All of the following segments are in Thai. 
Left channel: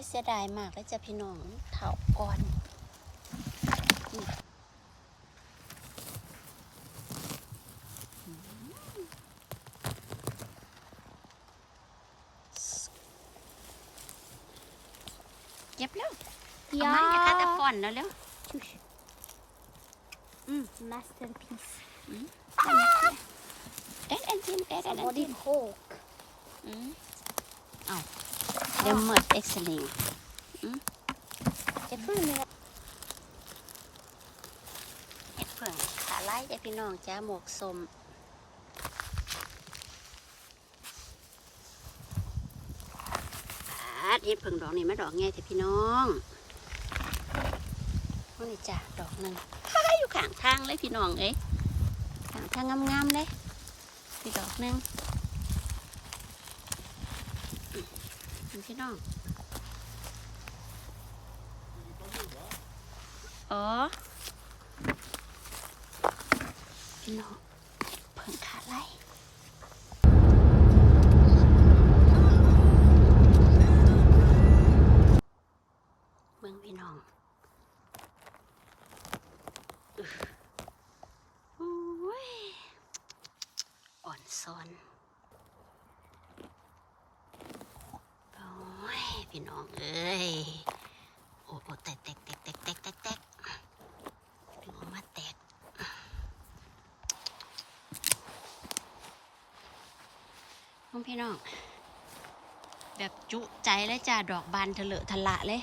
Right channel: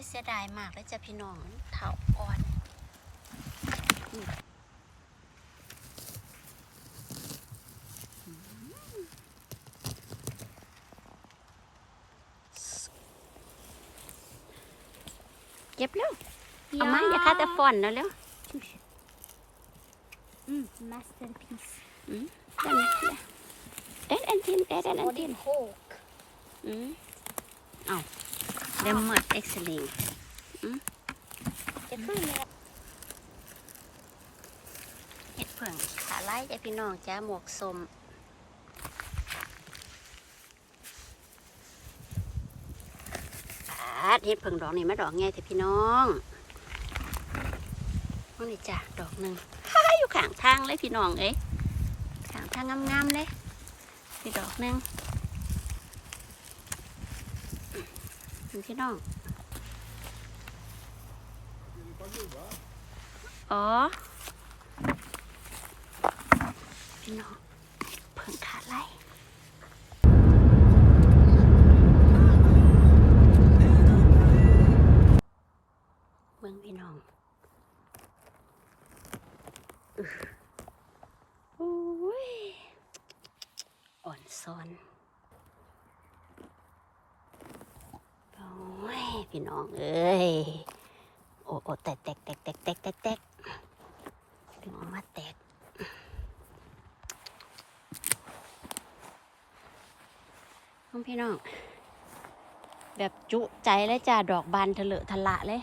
ยเสียดายมากเลยจ้ะพี่น้องมันเถาอ่อนอืมเก็บแล้วเอามาอย่าคาแต่ฟอนนะแล้วอืม Masterpiece. อืมได้ไหมได้อันทิมได้อัน Och ทิม din bok. อืมเอาเดมมอร์เอ็กซ์ลิง Jag tror ni เห็ดเผิ่งขาไล่เด้อพี่น้องจ้าหมวกสมาดเห็ดเผิ่งดอกนี่มาดอกไงแต่พี่น้องนี่นี่จ้ะดอกหนึ่งฮ่าอยู่ข้างทางเลยพี่น้องเอ้ยข้างทางงามๆเลยอีดอกหนึ่งนี่ พี่น้อง อ๋อพี่น้องเพิ่งขาดไล่เบิ่งพี่น้องอื้ออุ้ยอ่อนซ้อนโอ้ย พี่น้อง เอ้ย โอ้โอ้แตกแตกแตกแตกแตกแตกแตกถึงออกมาแตกน้องพี่น้อง แบบจุใจเลยจ้าดอกบานทะเลอะทะละเลย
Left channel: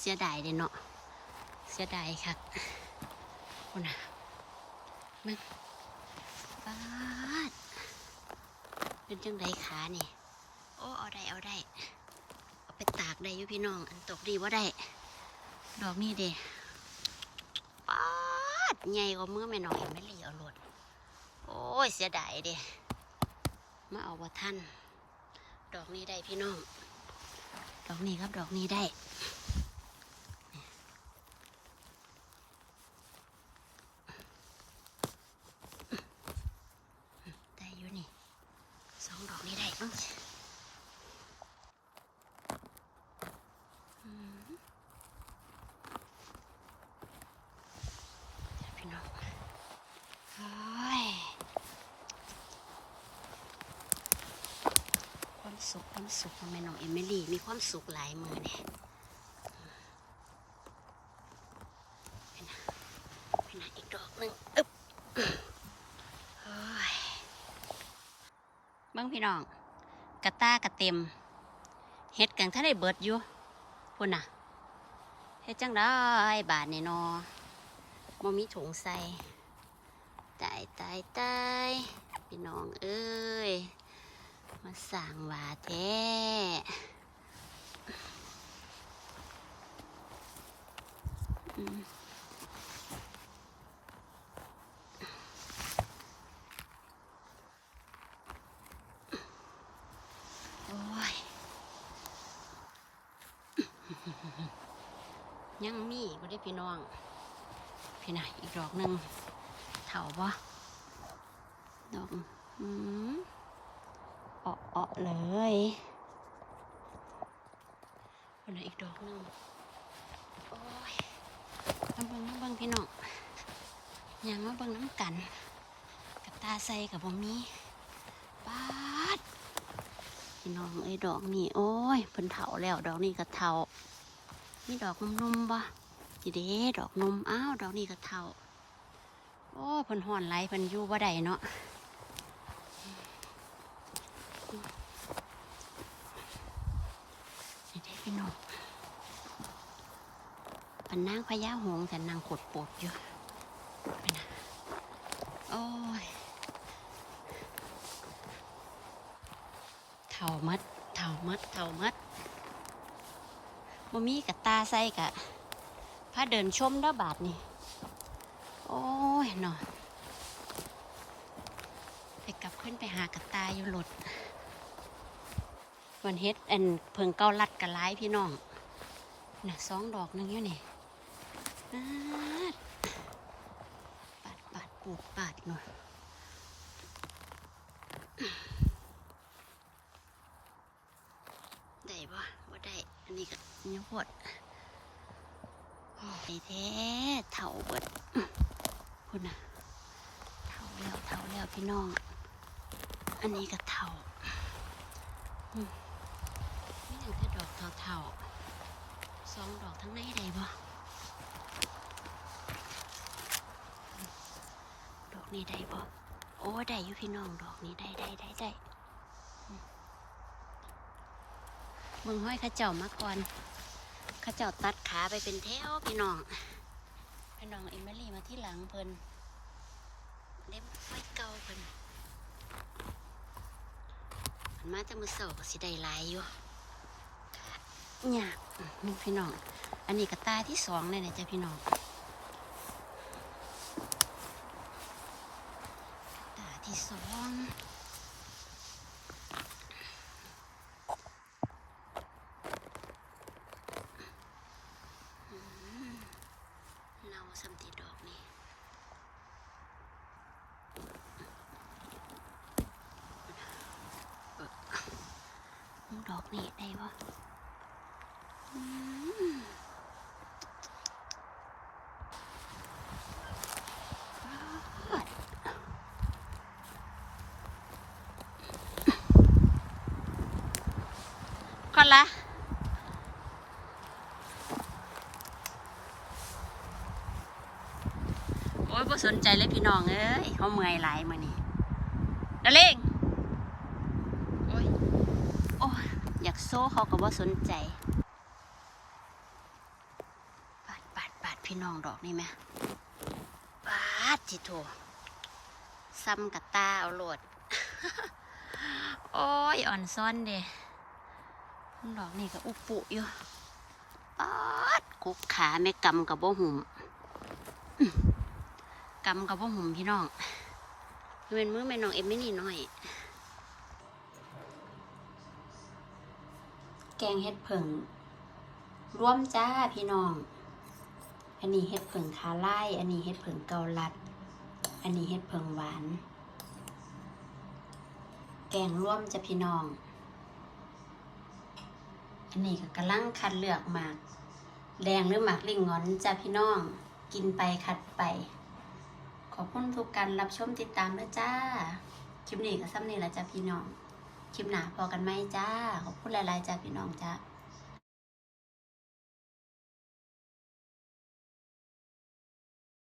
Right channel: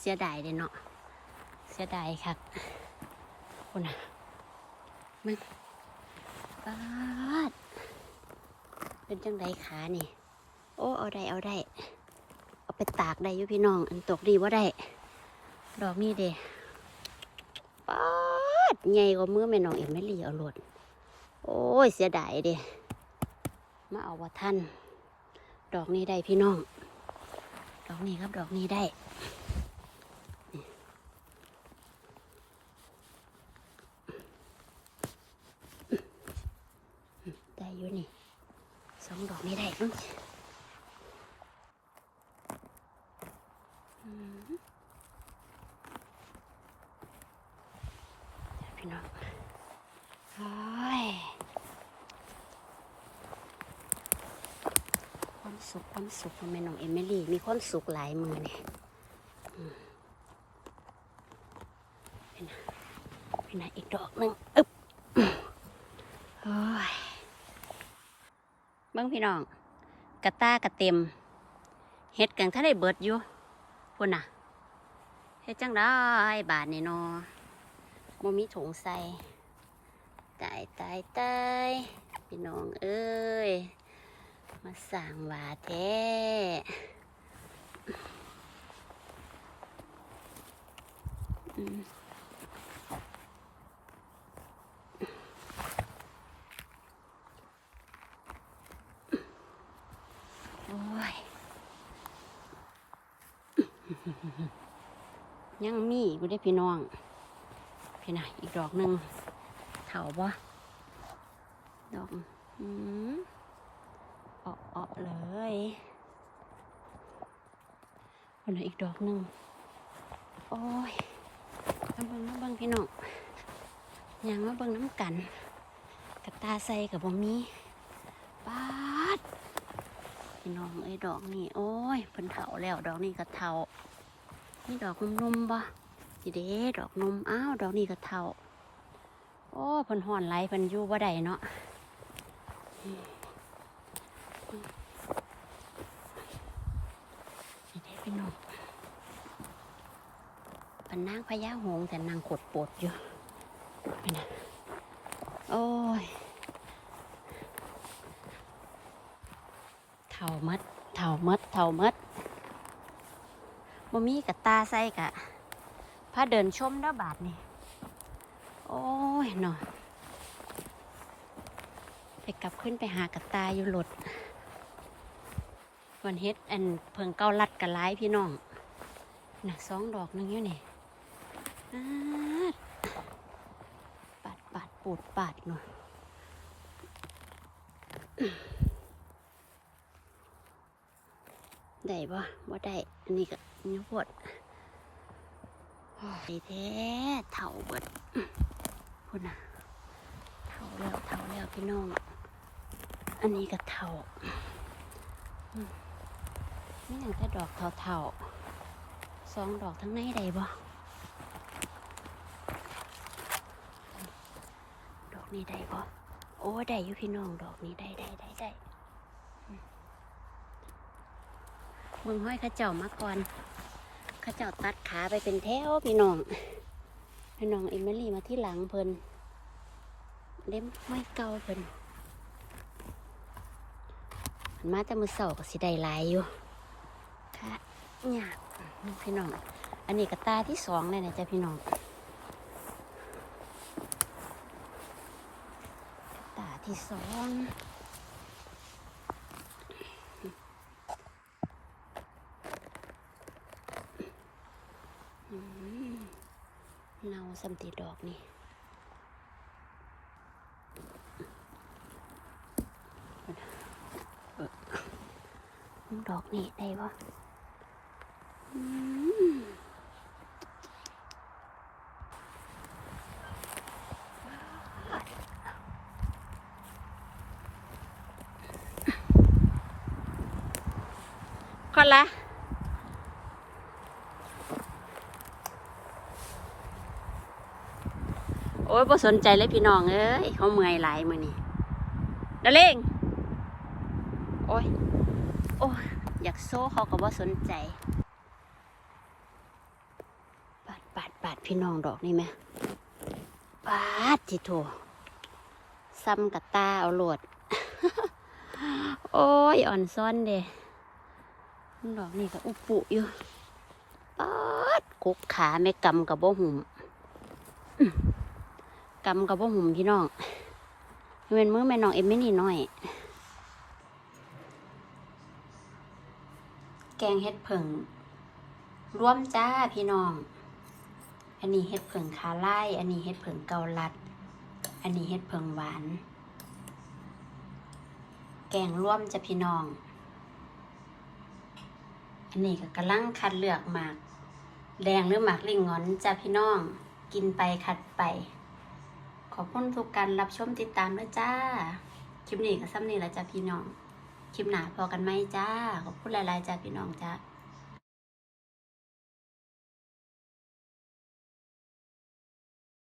เสียดายเลยเนาะ เสียดายครับคนน่ะมันบาด เป็นจังไดขานี่ โอ้เอาได้เอาได้ เอาไปตากได้ยูพี่น้อง อันตกดีว่าได้ ดอกนี้เด้ป๊าดใหญ่กว่ามือแม่น้องเอ็มไม่หลีเอาหลดโอ้ยเสียดายเด้มาเอาว่าท่าน ดอกนี้ได้พี่น้อง ดอกนี้ครับดอกนี้ได้นี่ได้อยู่นี่ สองดอกนี้ได้มั้ง อืมเดี๋ยว พี่น้องโอ้ยความสุขความสุขของแม่น้องเอมิลี่มีความสุขหลายมือเนี่ยเป็นไงเป็นอีกดอกหนึ่งอึ๊บโอ้ยบิ้งพี่น้อง กระตากระเต็มเฮ็ดกันถ้าได้เบิดอยู่พุ่นน่ะเฮ็ดจังได้บาทนี่นอบ่มีถุงใส่ตายตายตายพี่น้องเอ้ย มาสั่งว่าแท้อืมโอ้ย ยังมีอยู่ได้พี่น้อง พี่น่ะอีกดอกหนึ่งเถาบ่ดอกอืมเอะเอเลยคนน่ะอีกดอกหนึ่งโอ้ยมาเบิ่งมาเบิ่งพี่น้องยังมาเบิ่งน้ำกัน กับตาใส่กับบ่มีปาดพี่น้องไอ้ดอกนี่โอ้ยเพิ่นเถาแล้วดอกนี้ก็เถา มีดอกนมๆบ่จีเด้ดอกนมอ้าวดอกนี้ก็เท่า โอ้พิ่นห่อนไหลพิ่นยู่บ่ได้เนาะจีเด้พี่น้องเป็นนางพญาหงแต่นางขดปวดอยู่ไปนะโอ้ยเท่ามัดเท่ามัดเท่ามัด บ่มีกับตาใส่กะพาเดินชมเด้อบาทนี่โอ้ยเนาะไปกลับขึ้นไปหากับตาอยู่หลดวันเฮ็ดอันเพิงเก้าลัดกะไลายพี่น้องน่ะสองดอกนึงอยู่นี่ปาดปาดปูดปาดหน่อย ได้บ่บ่ได้ อันนี้ก็นื้อปวดโอ้แท้เถ่าเบิดอื้อพุ่นน่ะเถ่าแล้วเถ่าแล้วพี่น้อง อันนี้ก็เถ่าอืมนี่ยังแต่ดอกเถ่าๆสองดอกทั้งในได้บ่ดอกนี้ได้บ่โอ้ได้อยู่พี่น้องดอกนี้ได้ได้ได้ได้อืม มึงห้อยข้าเจ้ามาก่อนข้าเจ้าตัดขาไปเป็นแถวพี่น้องพี่น้องเอมิลี่มาที่หลังเพิ่นเล่มมันเก่าเพิ่นมาแต่มือเสาก็สิได้ลายอยู่เนี่ยพี่น้อง อันนี้ก็ตาที่สองเลยนะจ๊ะพี่น้องตาที่สองอืมเนา สัมติดอกนี่ดอกนี่ได้ปะก่อนละ โอ้ยบ่สนใจเลยพี่น้องเอ้ยเขาเมื่อยหลายมือนี่ดยวเล่งโอ้ยโอ้ยอยากโซ่เขาก็บ่สนใจปาดปาดปาดพี่น้องดอกนี่ไหมปาดทีโถซ้ำกับตาเอาโหลด โอ้ยอ่อนซ่อนเด้ดอกนี่ก็อุปุอยู่ปาดกุกขาแม่กำกับบ่หุ่ม กำกับบ่หุ่มพี่น้องเงินมือแม่น้องเอ็มไม่นี่น้อย แกงเห็ดผึ่งร่วมจ้าพี่น้อง อันนี้เห็ดผึ่งคาไล่อันนี้เห็ดผึ่งเกาลัด อันนี้เห็ดผึ่งหวาน แกงร่วมจ้ะพี่น้องอันนี้ก็กำลังคัดเลือกหมาก แดงหรือหมากลิงงอนจ้ะพี่น้อง กินไปคัดไป อบคุณทุกการรับชมติดตามด้วยจ้า คลิปนี้ก็ซ้ำนี่ละจ้ะพี่น้อง คลิปหนาพอกันไหมจ้า ขอบคุณหลาย ๆ จ้าพี่น้องจ้า